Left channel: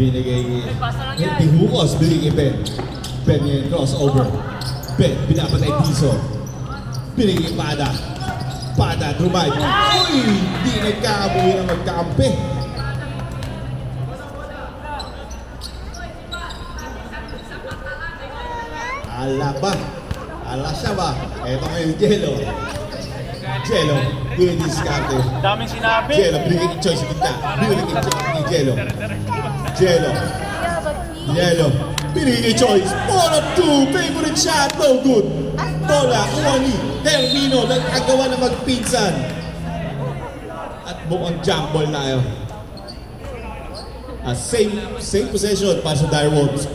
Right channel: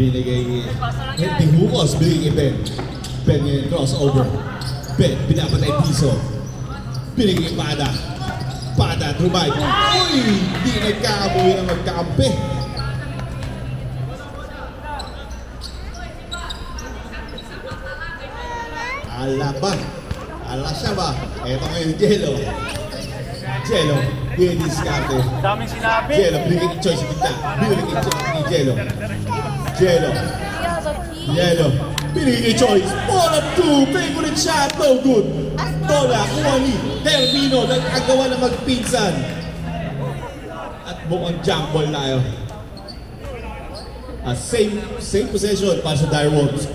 binigay Hukos, binigay Ben. Ben ngayon, crossover. Ben, binapatay Tiso. Binigay Pada. Pada, Drumay. Uy! Di nagkakabuhi ng magkakampi. Ala ba? Ala siya ba? Eto ngayon, Jello. Jello, diskarte. Daming sinabi. Jello, binigay choice kita. Binigay choice ni Jello. Jello. Jello. Binigay choice. Bola 2. Favorite shot. No good. Bola. Uwani. Termino. Nag-agawa na magpinsan. At mukhang jump ball na yun. Same possession para sa Direwolves.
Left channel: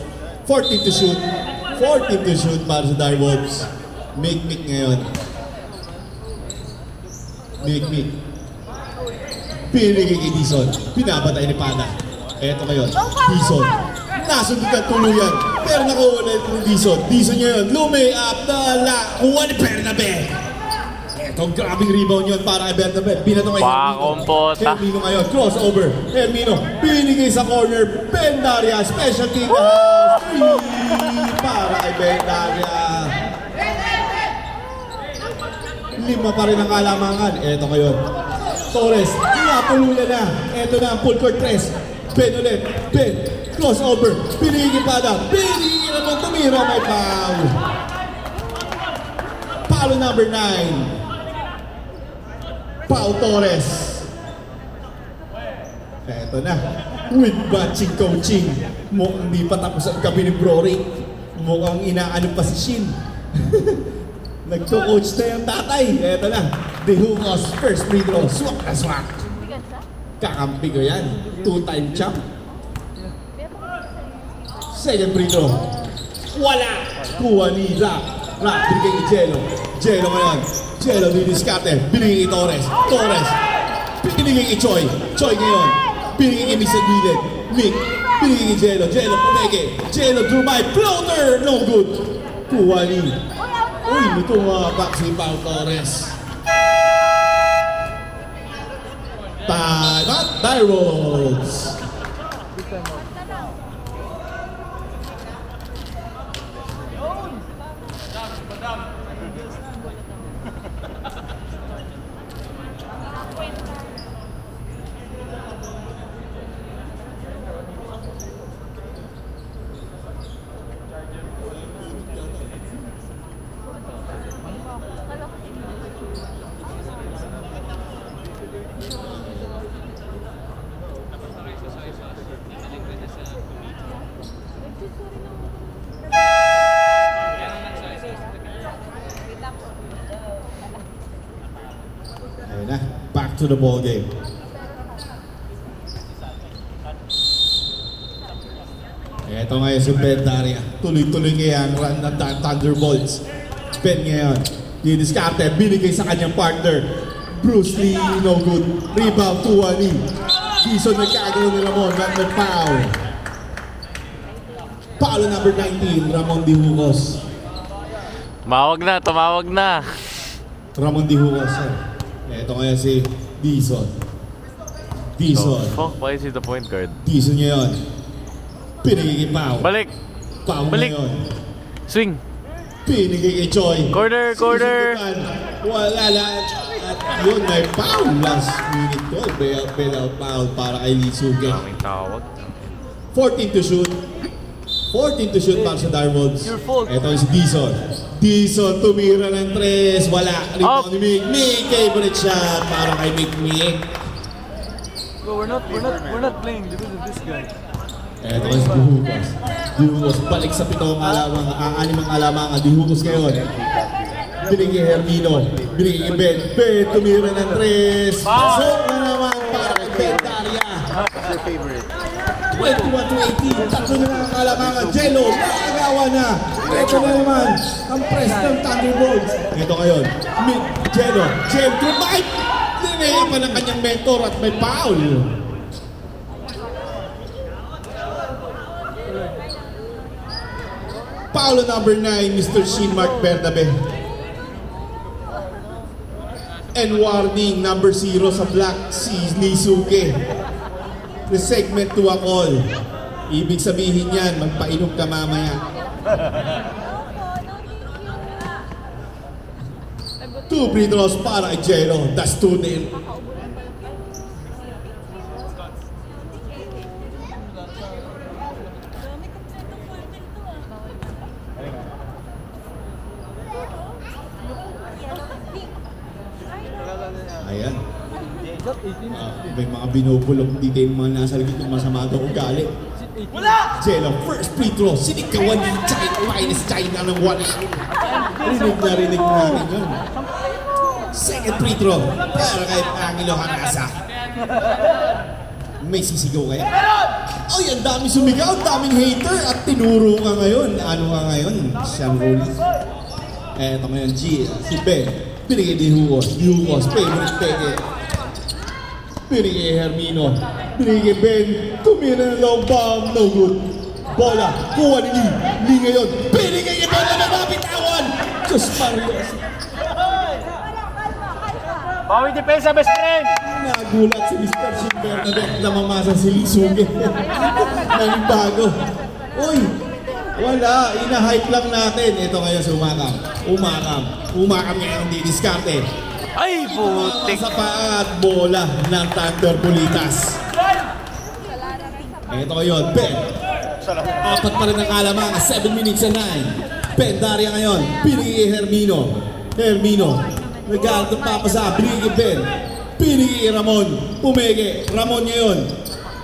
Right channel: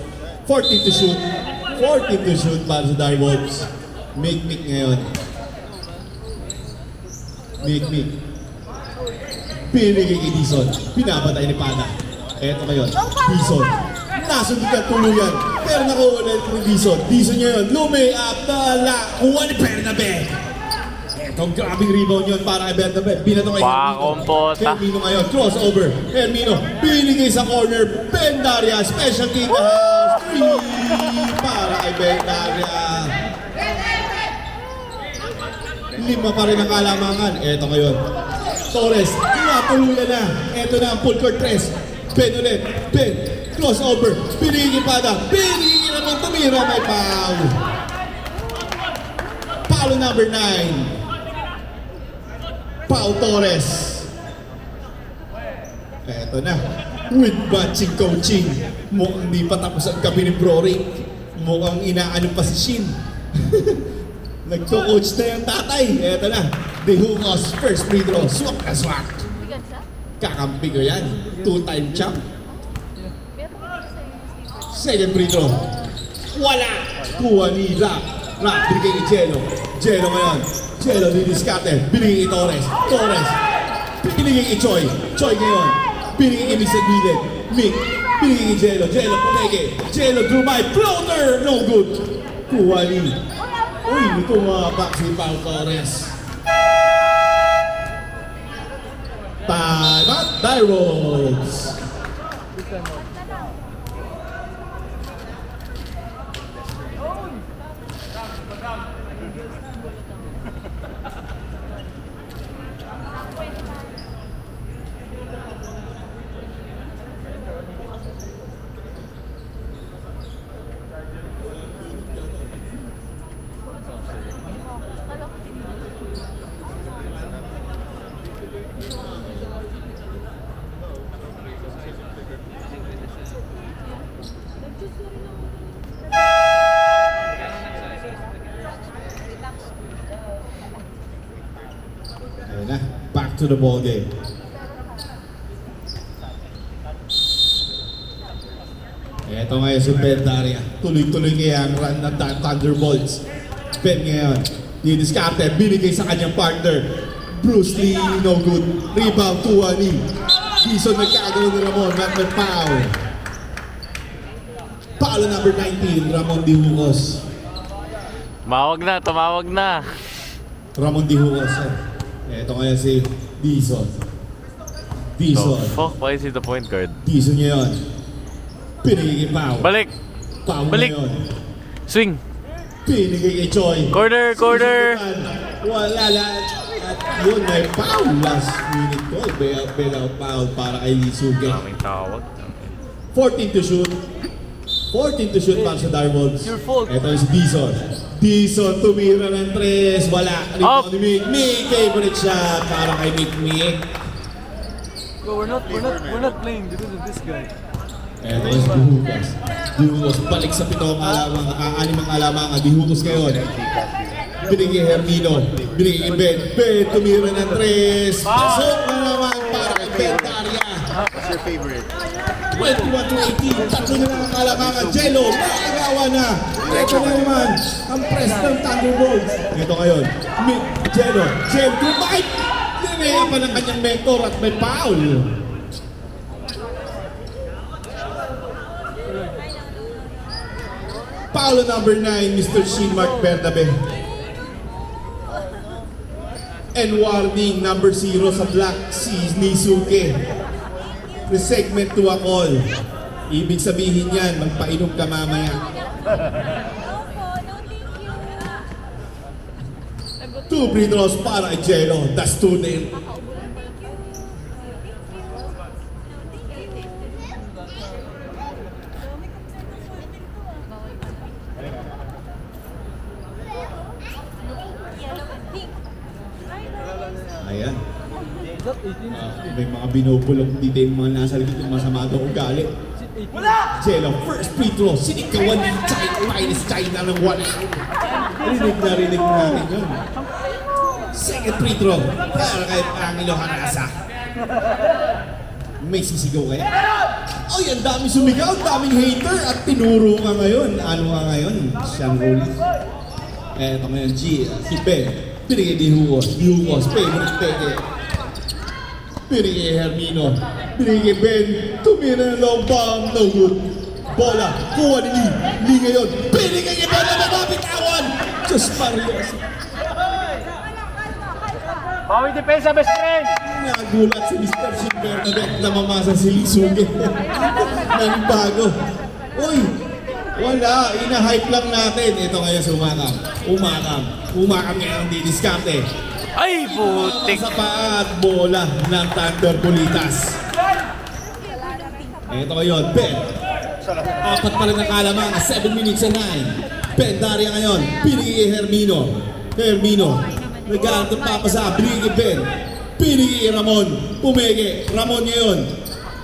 14 to shoot. 14 to shoot para sa Direwolves. Make ngayon. Make. Pinigay kay Dison. Pinapatay ni Pada. Eto ngayon. Dison. Nasunod ka tuluyan. Pero nakuha na ito ni Dison. Dison ngayon. Lumi-up na ala. Kuha ni Bernabe. Etong grabing rebound yun para kay Bernabe. Binato kay Pakumpota. Hermino ngayon. Crossover. Hermino. Pinigay sa corner. Bendaria. Special team na house. Free para kay Bendaria. Lima pa rin ang kalamangan. Eto ngayon. Torres. Napulunan na. Eto na ang full court press. Ben ulit. Ben. Crossover. Pinigil Pada. Pinigil naman. Tumira. May foul. Foul number 9. Pau Torres. Eto na. With matching coaching. Mukhang di pa tapos ang gabi ni Brory. Mukhang inaano pa si Shin. Nagko-coach na yung tatay. Eto na. De Hukos, first free throw. Swat na swat. Kakampi ko yan. 2-time champ. Second free throw. Wala. Kuha ni Rap. Rap, binigay ni Jello. Jello ngayon. Jello, didiskarte. Binigay ni Torres. Torres. Binigay ni Choi. Choi ngayon. Binigay ni Misa Gilid. Mick. Binigay ni Jello. Jello, pumeke. Jello, Drumay. Floater. No good. Kuha ni. Uy, ito mga back si Pau Torres. Not Direwolves. Ayun na, back to the ball game. Ito ngayon si Bendaria. Tuloy-tuloy kaya ang run ng Thunderbolts. Ben ngayon, didiskarte, binigay sa kanyang partner. Bruce Lee, no good. Rebound, Tuwani. Season nagkagawa ni Ramon, not the foul. Foul number 19, Ramon D. Hukos. Tumawag na. Ramon D. Hukos. Ito ngayon si Dison. Dison. Why is he the point guard? Dison ngayon. Pinigay Pau. Balik. Pau Balik. ngayon. Swing. Pinigay kay Choi. Corner. Wala lang. At yun, may foul. Last minute ko. Bailout foul para kay Lee Suga. Daming tawag. 14 to shoot. 14 to shoot para sa Direwolves. Your fault. Ito si Dison. Dison tumira ng 3. Wala. Rebound ni Mick. Mick, favorite shot para kay Mick. Bro, we're not playing because of this guy. Eto si Dihukos. Dihukos balik sa pitong alamang, animang alamangan. Dihukos ngayon. Binigay Hermino. Binigay Ben. Ben tumira ng 3. Pasok na naman para kay Bendaria. What's your favorite? 21 to 18. Tatlo na lang ang alamangan. Jello. Makagawa na. Ito na naman ang press ng Thunderbolts. Ito ngayon. Jello. Jello. Dinaya pa ng kanyang mentor at may foul. Foul number 9, Mr. Shin Mark Bernabe. And warning, number 0 sa black, si Lee Suke. The segment to a call. Ibig sabihin yan, magpainom ka mamaya. 2 free throws para kay Jello. That's 2-0. Ayan. May mga binubulong dito yung mga nasa likod ng masama daw ugali. Jello, first free throw. Sinikawan ni China, minus China ng 1 out. Rinig natin yun. Second free throw para kay Angelo Harasa. May sisigaw kaya? Ay, ang daming sumigaw, ang daming hater at tinuro ka ngayon. Ano ka ngayon? Sean Rollins. Eto ngayon, si Ben. Pinigay di Hugo. Favorite peke. Pinigay Hermino. Pinigay Ben. Tumira ng long bomb. No good. Bola. Kuha ni Lee. Lee ngayon. Pinigay niya bola na mapitawan. Just Marios. Bawi depensa, best friend! Nagulat si Mr. Shin Bernadette na mamasa si Lee Suge. Nanibago. Uy! Wala. Ina-hype lang natin. Ito ngayon si Umakam ngayon ang didiskarte. Ay, putik! Sa paa at bola ng Thunder Bulitas. Ito ngayon, Ben. Apat pa rin ang kalamangan, 7 minutes and 9. Ben Daria ngayon, pinigay Hermino. Nag-aantong papasa, pinigay Ben. Pinigay Ramon, pumege. Ramon ngayon.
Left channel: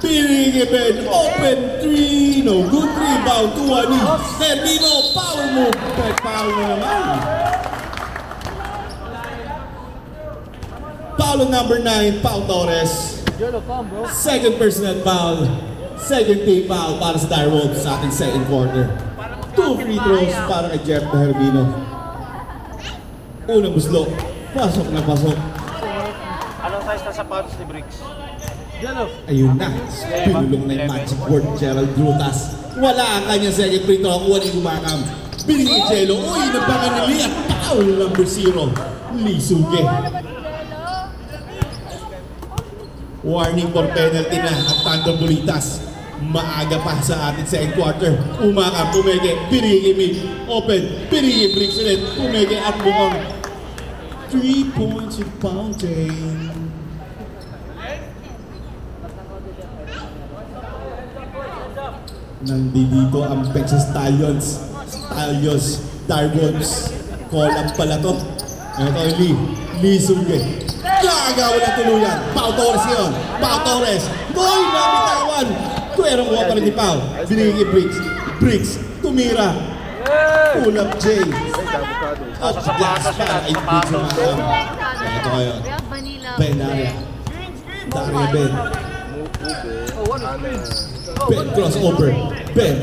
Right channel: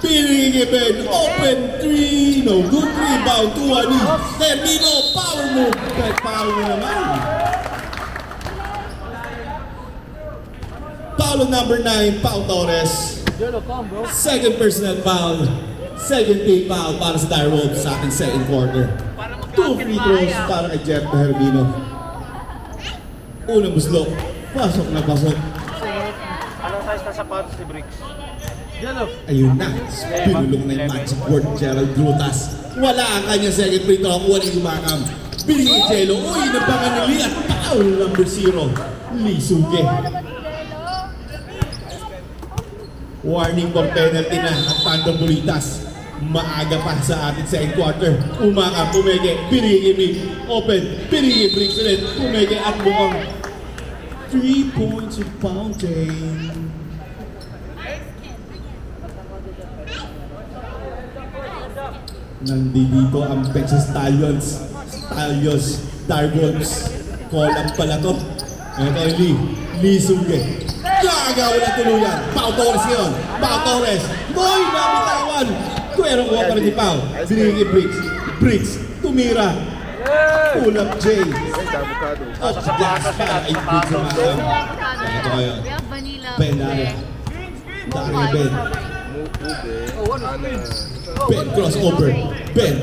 Pinigay Ben, open 3. No good rebound, 2-1. Hermino, power move. Ben, power mo naman. Foul number 9, Pau Torres. Second personal foul. Second team foul para sa Dire Wolves sa ating second quarter. 2 free throws para kay Jeff Hermino. Unang buslok. Pasok na pasok. Anong size na sapatos ni Bricks? Ayun na. Pinulong na yung magic word, Gerald Grutas. Wala ang kanyang second free throw. Kuha ni Gumakam. Binigay Jello. Uy, nabangan ni Lee at foul number 0. Lee Suge. Warning for penalty na at Thunder Bulitas. Maaga pa sa ating second quarter. Umakam, pumege, pinigay Mick. Open, pinigay Bricks ulit. Pumege at bukong 3 points of fountain. Nandito ang Texas Stallions. Dire Wolves. Call-up pala to. Ito yung Lee Suge. Gagawa na tuluyan. Pau Torres yun. Pau Torres. Boy, nabitawan. Kuwerang water ni Pau. Binigay Bricks. Tumira. Pull up Jay. Nasa sapatos siya, nasa sapatos. Ito ngayon. Ben Daria. Ben crossover. Ben.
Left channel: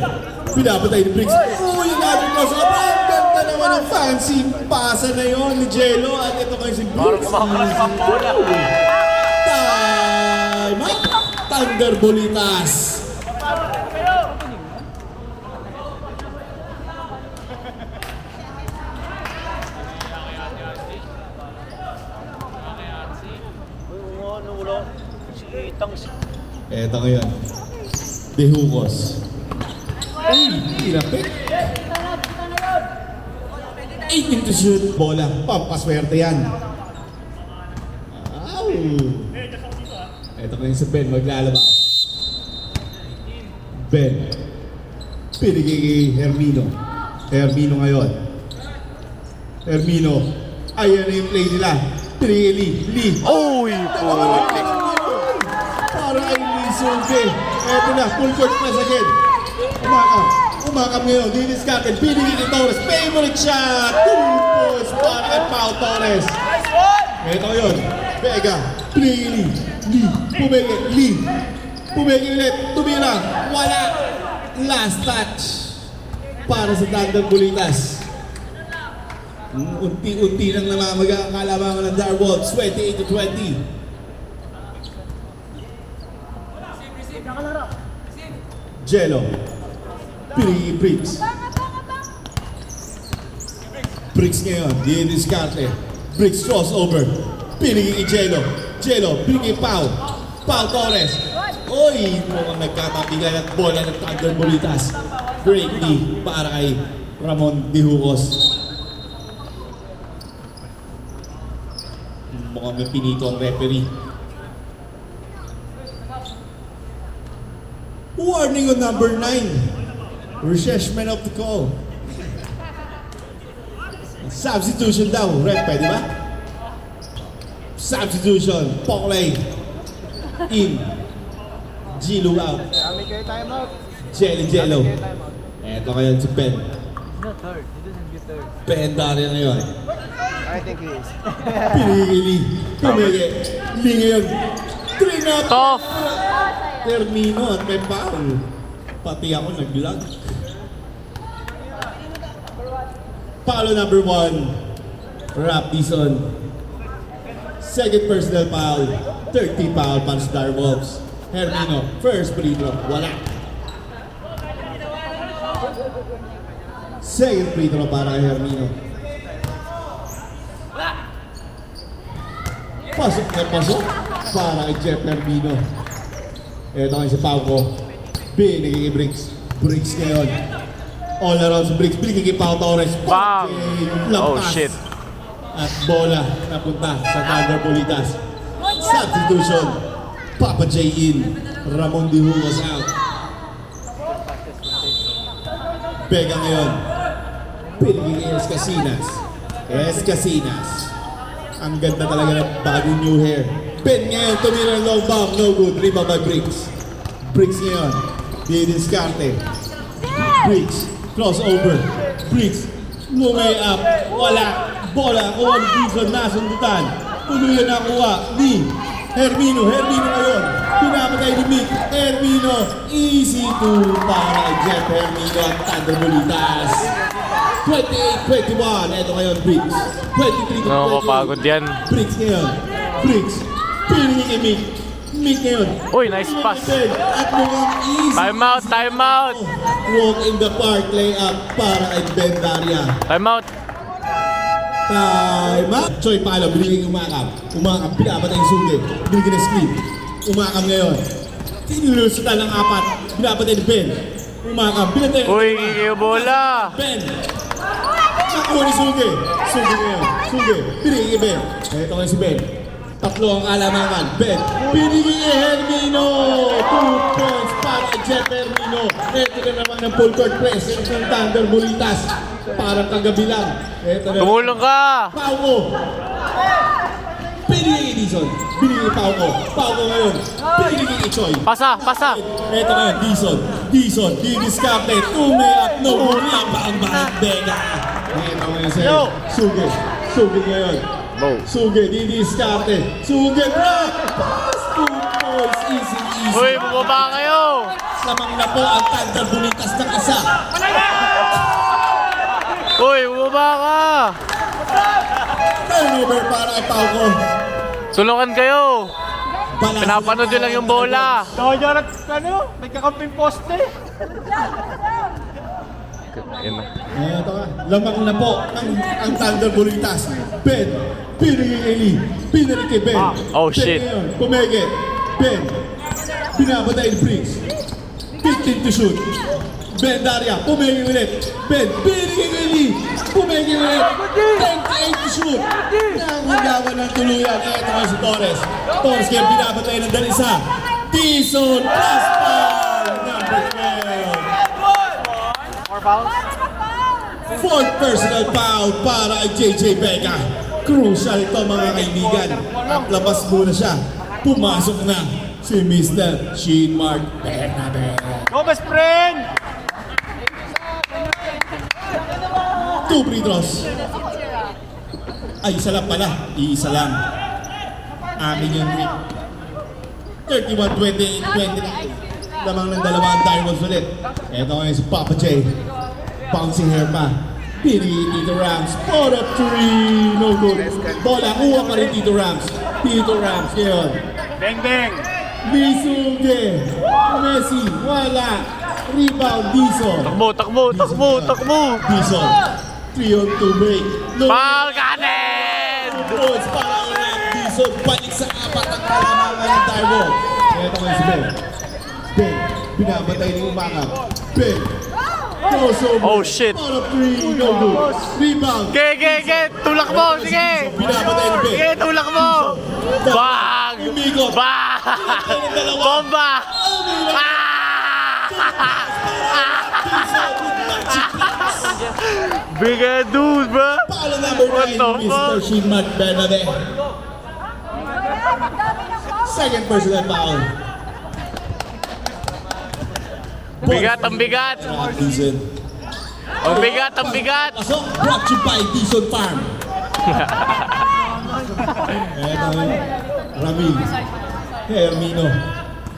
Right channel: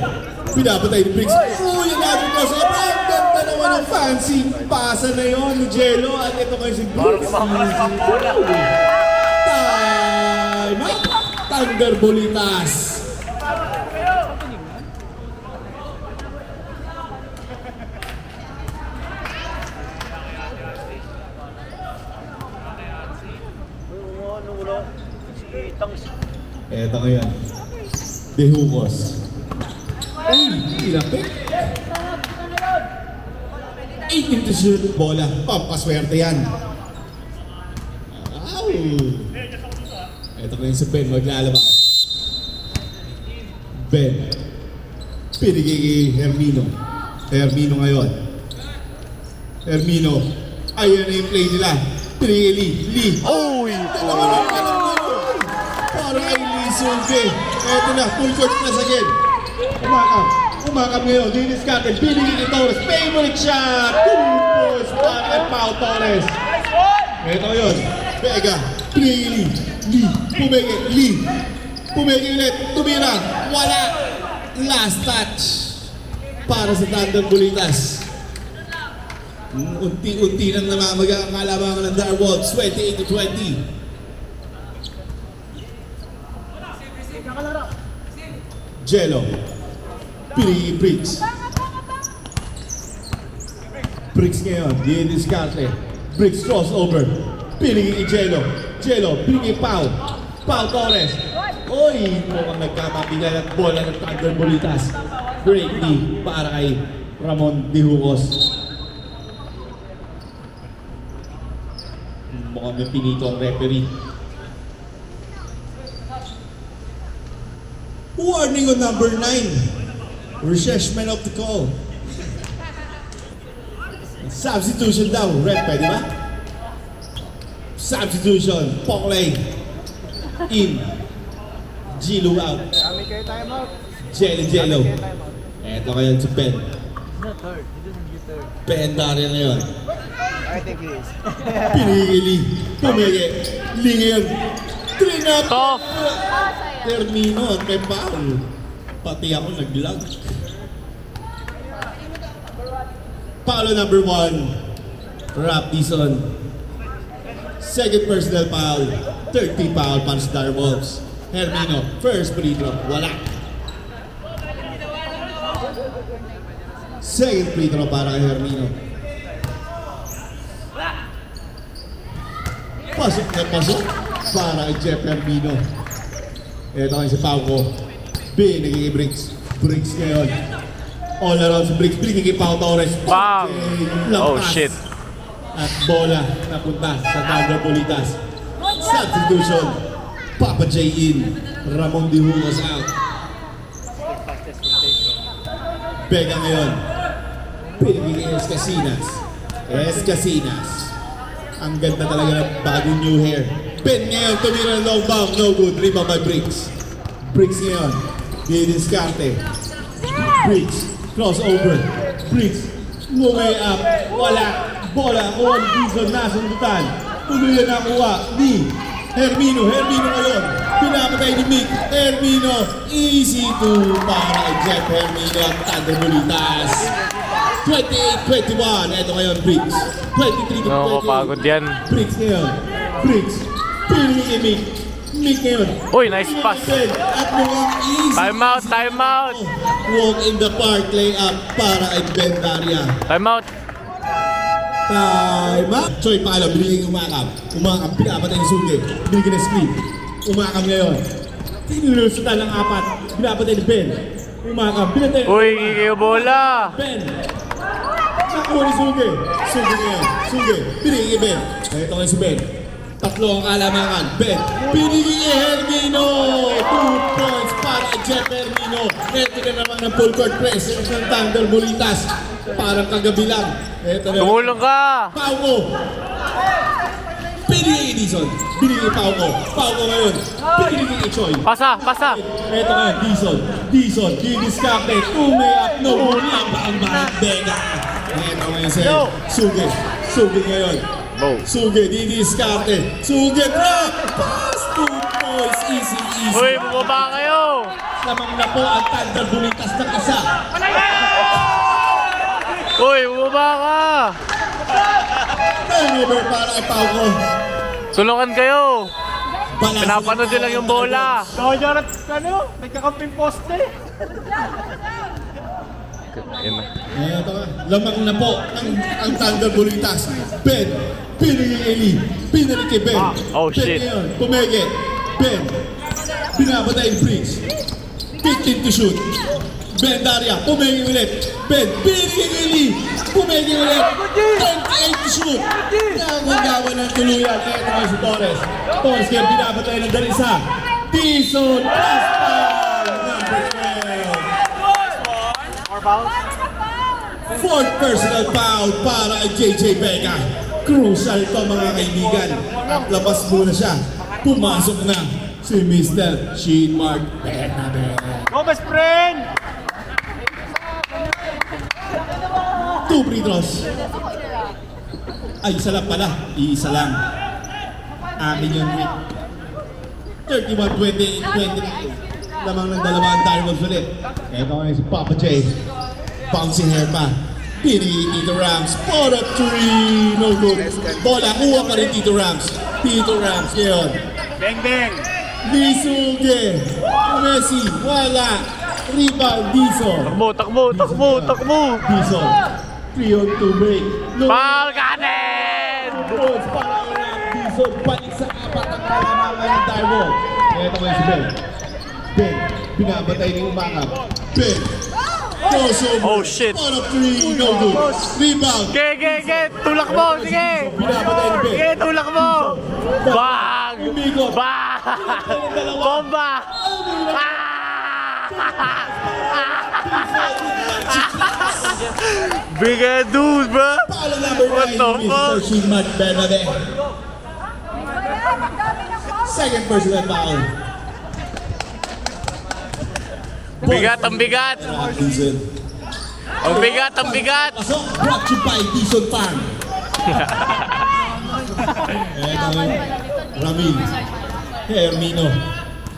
Pinapatay ni Bricks. Oh, yung ating crossover. Ang ganda naman ng fancy pasa na yun ni Jello. At ito kayo si Bricks. Parang kumakalas ng bola. Time out. Thunder Bulitas. Eto ngayon. De Hugos. Ay, ilapit. 18 to shoot. Bola. Pampaswerte yan. Wow. Eto ngayon si Ben maglalabas. Ben. Pinigay kay Hermino. Hermino ngayon. Hermino. Ayan na yung play nila. Pinigay Lee. Uy, putik! Para kay Lee Suge. Eto na, full court press again. Umakam ngayon, diniskatan, pinigil ni Torres, favorite shot! 2 points para kay Pau Torres. Eto yun, Vega, pinigil Lee, pumigil ulit, tumira, wala, last touch para sa Thunder Bulitas. Unti-unti lang namamaga ang kalabangan ng Dire Wolves, 28-20. Jello. Pinigay Bricks. Bricks ngayon, diniskarte. Bricks crossover. Pinigay Jello. Pinigay Pau Torres. Oy, mukhang nagkatapigan at bola ng Thunder Bolitas. Break knee para kay Ramon Dihucos. Mukhang may pinito ang referee. Warning on number 9. Refreshment of the call. Substitution daw. Ref, pwede ba? Substitution. Poklay. In. Gilo out. Jello. Eto ngayon si Ben. He's not hurt. He doesn't get hurt. Ben Dario ngayon. I think he is. Pinigili. Pumili. Hindi ngayon. Trinap. Tough. Termino at may foul. Pati ako naglag. Foul number 1. Rap Dizon. Second personal foul. 30 foul para sa Direwolves. Hermino, first free throw, wala. Second free throw para kay Hermino. Pasok na pasok para kay Jeff Hermino. Ito ngayon si Pauco. Binigay kay Briggs. Briggs ngayon. All around si Briggs. Binigay kay Pau Torres. Bam! Oh, Lampas. shit. At bola napunta sa Thunder Bolitas. Substitution. Papa J in. Ramon Dihucos out. Pega ngayon. Pinigay kay Escasinas. Ang ganda talaga ng bagong new hair. Ben ngayon, tumira ng long bomb. No good. Rebound by Briggs. Briggs ngayon. Didiskarte. Briggs. Crossover. Briggs. Way up. Wala. Bola. Kuha ni Dizon. Nasundutan. Tuluyan na kuha ni Hermino. Hermino ngayon. Pinapagay ni Mick. Hermino. Easy to para kay Jeff Hermino at Thunder Bolitas. 28-21. Ito ngayon, Briggs. 23-28. Nakakapagod yan. Briggs ngayon. Briggs. Pinili kay Mick. Mick ngayon. Uy, nice pass. At mukhang easy. Time out, time out. Walk in the park layup para kay Ben Daria. Time out. Time out. Choy Palo, biniging umakam. Umakam, pinapatay yung sugi. Biniging na screen. Umakam ngayon. Tinulusita ng 4. Pinapatay ni Ben. Umakam, pinapatay ni Uy, kikiyo bola. Ben. Nakuha ni Sugi. Sugi ngayon. Sugi. Biniging kay Ben. Ito ngayon si Ben. Tatlo ang alamangan. Ben. Biniging kay Hermino. 2 points para kay Jeff Hermino. Ito na naman ang full court press. Ito ang Thunder Bolitas. Parang kagabi lang. Ito na. Tumulong ka. Pauco. Binigay kay Dizon. Binigay kay Pauco. Pauco ngayon. Binigay kay Choi. Pasa, pasa. Ito ngayon, Dizon. Dizon. Didiskarte. Tumayap. No. Tama ang mga Vega. Ito ngayon sa'yo. Sugi. Sugi ngayon. Bow. Sugi. Didiskarte. Sugi. Rock. Pass. 2 points. Easy, easy. Uy, bumaba kayo. Lamang na po ang Thunder Bolitas ng isa. Uy, bumaba ka. Turnover para kay Pauco. Tulungan kayo. Balanse Pinapanood ng din lang yung bola. Nagkakamping poste. Yan na. Ito ka, lamang na po ang Thunder Bolitas. Ben, pinigay kay Lee, pinigay kay Ben. Oh, Ben shit. ngayon, pumege. Ben, binabatay yung Briggs. 15 to shoot. Ben Daria, pumege ulit. Ben, pinigay kay Lee, pumege ulit. 28 to shoot. Nangangawa ng tuluyan. Ito nga si Torres. Torres ngayon, binabatay ng dalisa. Dizon, plus foul, number 12. Fourth personal foul para kay JJ Vega. Crucial ito mga kaibigan. At labas muna siya. Pumasok na si Mr. Shane Mark Vega. Go, best friend! 2 free throws. Ay, isa lang pala. Isa lang. Amin yung Rick. 31-28-20. Lamang ng dalawang Direwolves ulit. Ito ngayon si Papa J. Bouncing hair pa. Pinigay Tito Rams. For a 3. No good. Bola. Kuha pa rin Tito Rams. Tito Rams ngayon. Bang, bang! Lisuge. Messi. Wala. Rebound. Dizon. Takbo, takbo, takbo. Dizon. 3 on 2 break. No. Foul kanin! Balls para kay Dizon. Balik sa 4 ang kalamangan ng Direwolves. Ito ngayon si Ben. Ben, binabatay ni Umakap. Ben, crossover. Oh, shit. Out of three, no good. Rebound. Ge! Tulak mo! Sige! Binabatay ni Ben. Sige, tulak mo! Bang! Umigot. Bang! Bomba! Big head dude, bro! Foul number What 9, the Mr. fuck? Shimad Bernabe. Second personal foul. Bigat, ang bigat! Robinson. Ang bigat, ang bigat! Pasok, brought to you by Bison Farm. Eto, Ramil. Hermino.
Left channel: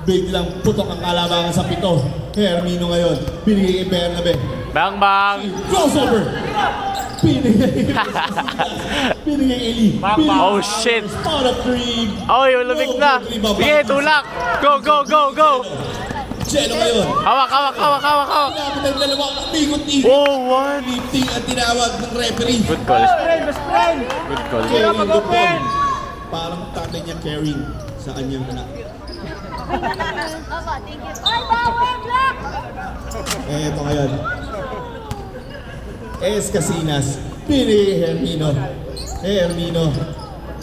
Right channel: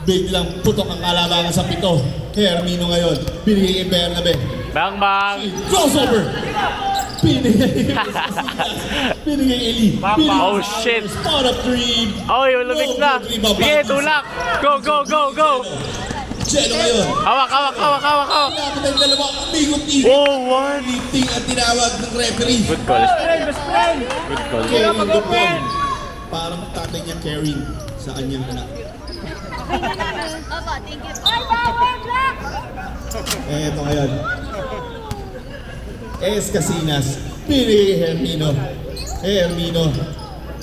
Biglang putok ang kalaban sa pito. Hermino ngayon. Binigay kay Bernabe. Bang, bang! Crossover. Binigay Eli. Oh, shit! Spot up three. Oy, lumig na! Sige, tulak! Go! Jello ngayon. Hawak! Lapit ang dalawa. Ikot-ikot. Oh, what? Lifting ang tinawag ng referee. Good call. Good call. Carrying the ball. Parang tatay niya carrying sa kanyang anak. Eto ngayon. Casinas. Pinigay Hermino.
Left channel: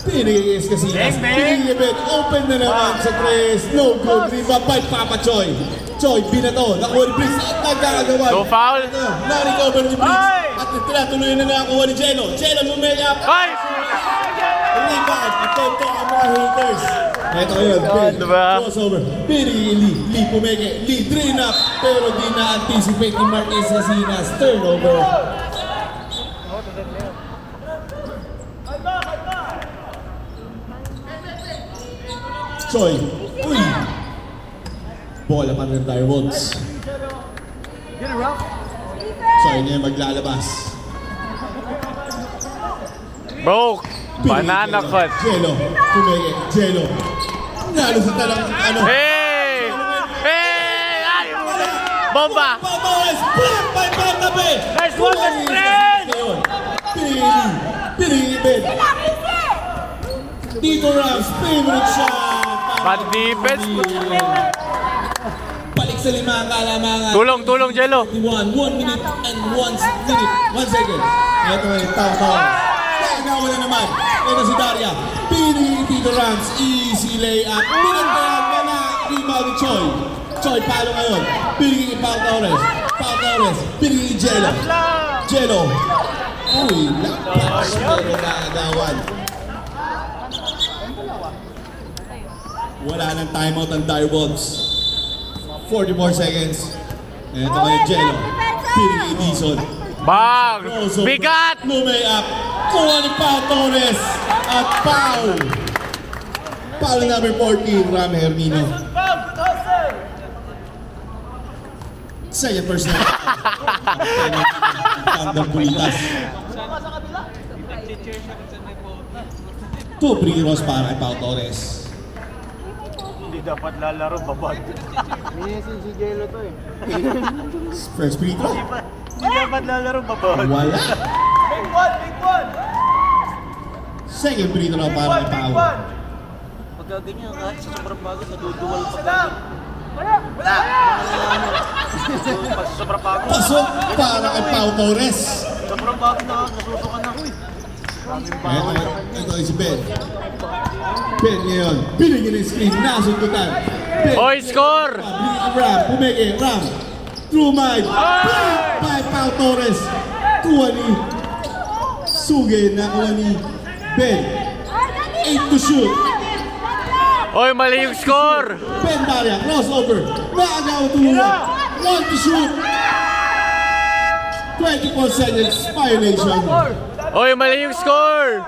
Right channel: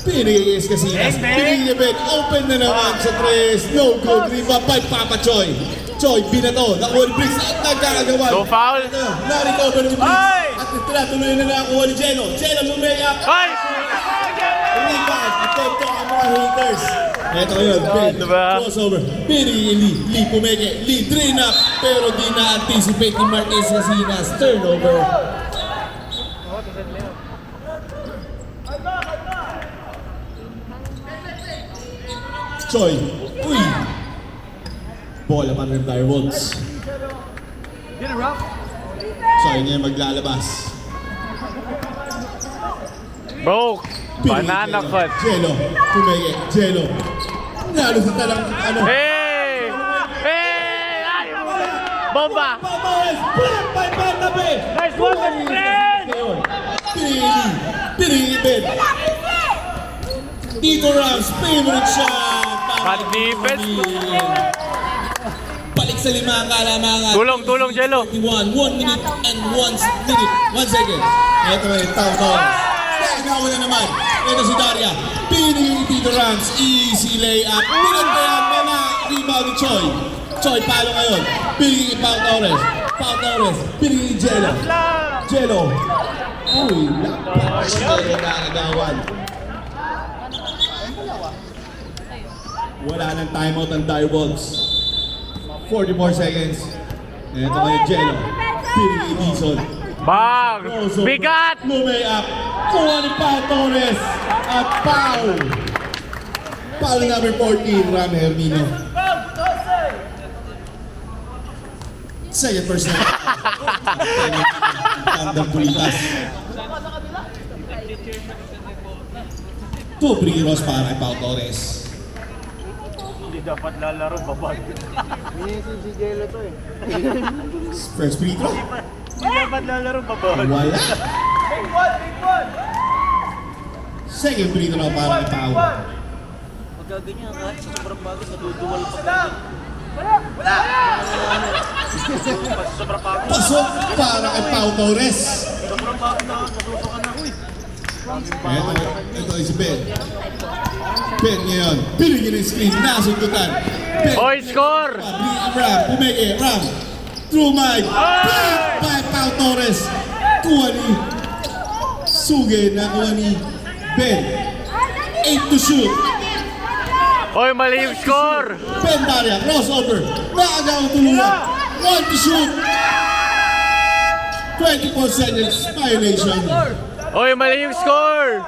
Pinigay Casinas. Pinigay Bet. Open na naman sa tres. No good. Rebound by Papa Choy. Choy, binato. Nakuha ni Briggs. At nagkakagawan. Go foul. Na-recover ni Briggs. At tinatuloy na nakakuha ni Jello. Jello bumaya. Ay! Rebound. Atento ang mga haters. Ito ngayon. Ben. Diba? Crossover. Pinigay Lee pumeke. Lee drain up. Pero di na-anticipate ni Marquez Casinas. Turnover. Choy. Uy. Bola pa rin tayo, Wolves. Choy na yung maglalabas. Bro! Banana cut. Jello. Tumege. Jello. Nalo sa talang ano. Hey! Ay! Bomba! Papares. Put by Bernabe. Nice one, my friend! Pinili Ben. Dito Rams. Favorite shot. Bad defense. Balik sa lima ang kalamangan. Tulong, Jello. 1 minute and 1 second. Ito yung tao. Nagawa na naman. Ito si Daria. Pinili Tito Rams. Easy layup. Pinagbayan na. Rebound ni Choy. Choy, palo ngayon. Pinili Pau Torres. Pinili Jello. Uy, lapat. Jello na agawan. Wala nang timeout ang Direwolves. 44 seconds. Ito ngayon Jello. Pinili Dizon. Bang! Bigat! Lumayak. Kuha ni Pau Torres. At Pau. Pau number 14, Ram Hermino. Second person. Thunder Pulitas. 2 free throws para kay Pau Torres. Hindi dapat lalaro, babag. Minisin si Jello to eh. First free throw. Hindi dapat lalaro, babag. Wala. Second free throw para kay Pau. Pagdating niya, kahit sa sobrang bago, naduduwal sila. Sobrang bago. Pasok para kay Pau Torres. Sobrang bago na, nasusukan ako eh. Ito si Ben. Ben ngayon. Pinigil ng screen. Nasundutan. Ben. Oy, score! Ram. Pumeke. Ram. True Mike. By Pau Torres. Kuha ni Suge. Nakuha ni Ben. 8 to shoot. Oy, mali yung score! Ben Daria. Crossover. Nakagaw tulungan. 1 to shoot. 24 seconds. Violation. Oy, mali yung score!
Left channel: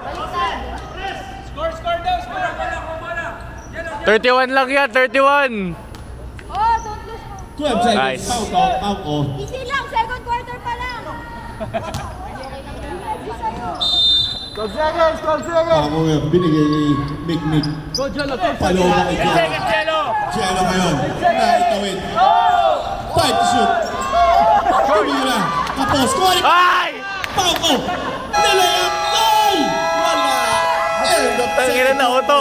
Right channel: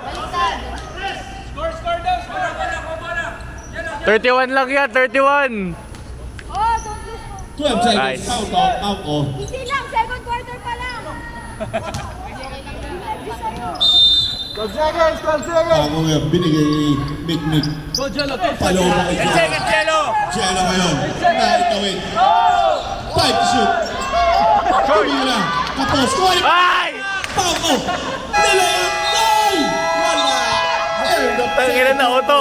31 lang yan, 31! 12 seconds. Nice. Pau ko. Hindi lang, second quarter pa lang. 12 seconds! Ako ngayon, binigay ni Mick. Palo mo kay Jello. Jello! Jello ngayon. Naitawid. 5 to shoot. Tumira. Tapos. Kuha ni Ay! Pauko. Nilayap. No! Wala. Tangina na auto!